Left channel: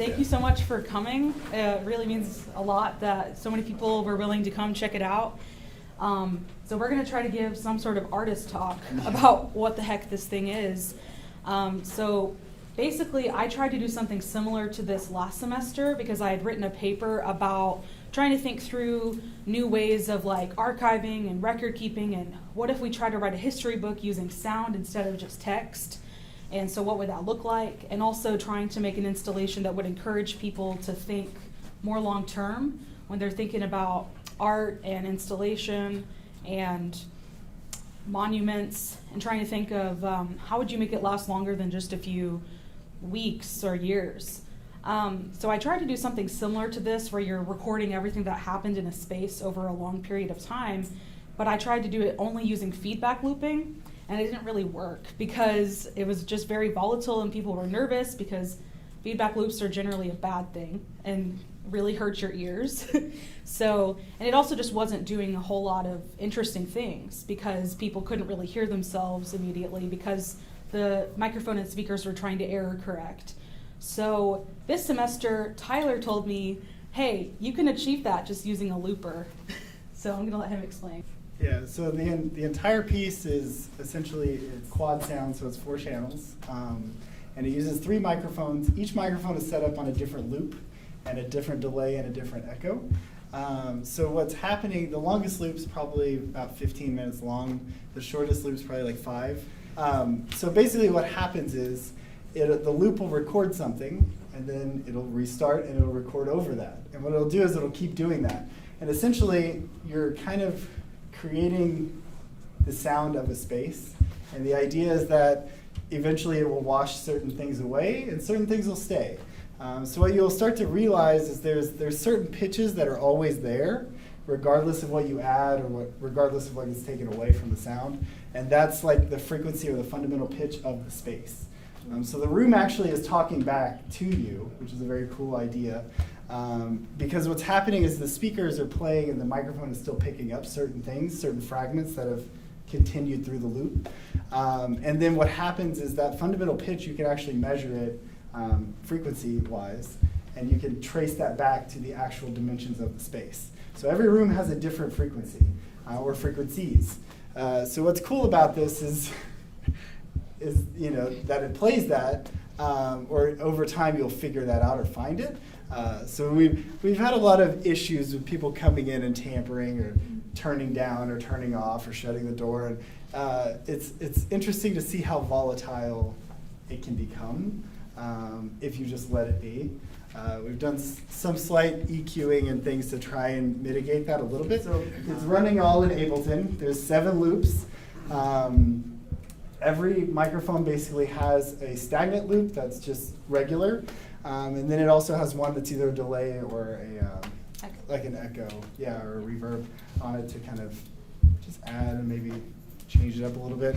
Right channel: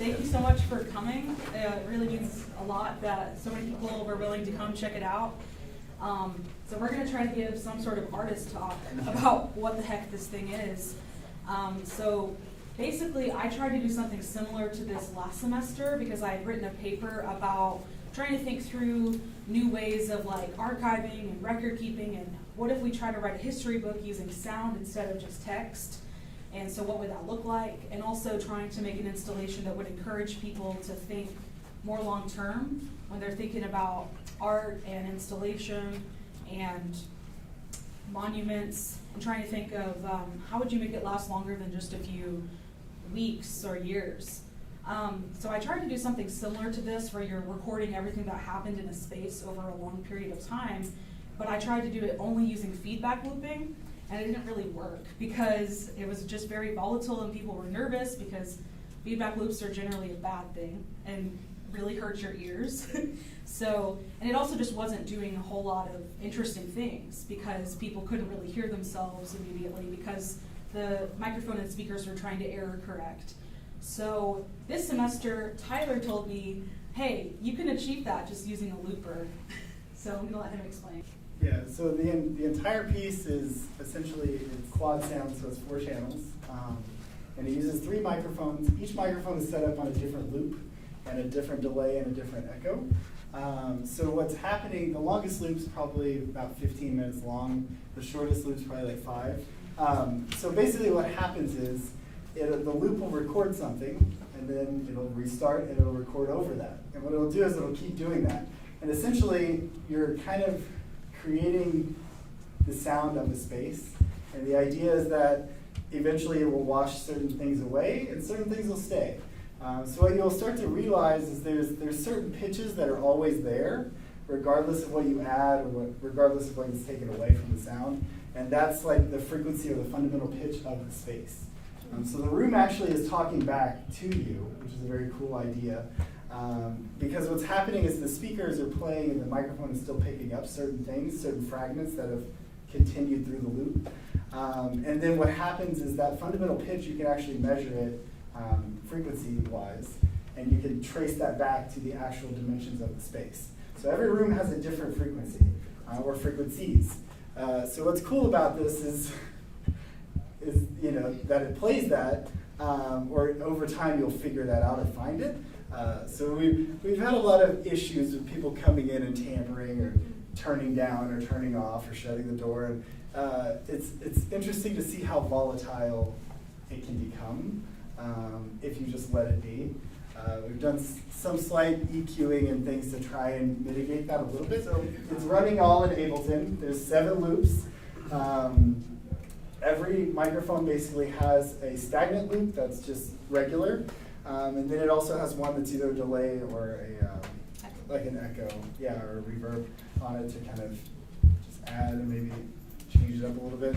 Thank you so much for coming. It really means a lot that so many people were willing to come check it out. So we're going to try to give some sort of artist talk about what the heck this thing is. So basically, I tried to do something similar to this last semester because I had written a paper about trying to think through new ways of like archiving and record keeping, and what if we try to write a history book using sound instead of just text? And so what would that look like? And also trying to make an installation that would encourage people to think more long term when they're thinking about art and installation and monuments, and trying to think of how would you make it last longer than just a few weeks or years. So I tried to do something similar to this where you're recording everything that happened in a space over a long period of time, but I tried to do it only using feedback looping, and it didn't really work because it was just very volatile and people were nervous because feedback loops are generally a bad thing and really hurt your ears. And it also just wasn't doing a whole lot of interesting things because people couldn't really hear themselves immediately because the microphone and speakers were trying to error correct. So this semester, Tyler told me, hey, you can achieve that just using a looper. So I'm gonna let him explain. Yeah, so the entire piece is essentially, it's quad sound, so it's 4 channels. And it uses 3 microphones. Each microphone is set up on a different loop and a different delay and a different echo. So what's happening, the longest loop's probably about 15 minutes long. The shortest loop's probably like 5. So basically what happens is the loop will record something, and then it'll restart and it'll record over that. And what it'll do is it'll keep doing that. And essentially, you're kind of creating the sound of a space. And the idea is that eventually it will wash certain things away and certain things will stay. So what you'll start to realize is there's certain pitches that are always there, regardless of what you add or regardless of what is taken away from the sound. And that's like the frequency or the fundamental pitch of the space. So the room actually is talking back to you, which is a very cool idea. Because what's happening is the speakers are playing and the microphone is still picking up certain things, certain fragments that have continued through the loop. And then what happens is that fundamental pitch, you can actually measure it frequency-wise, and you can trace that back to the actual dimensions of the space. So every room has a different frequency, or frequencies. So what's cool about this is that it plays that, or over time you'll figure that out or find it. So we've had a lot of issues with people coming in and tampering or turning down or turning off or shutting the door. And it's interesting to see how volatile it can become if you just let it be. We've done some slight EQing and things to try and mitigate that a little bit. So it's running all in Ableton. There's 7 loops. Every microphone basically has a stagnant loop that's just regular. And then it also has one that's either a delay or like an echo, or a reverb on it to kind of just add and maybe change it up a little bit.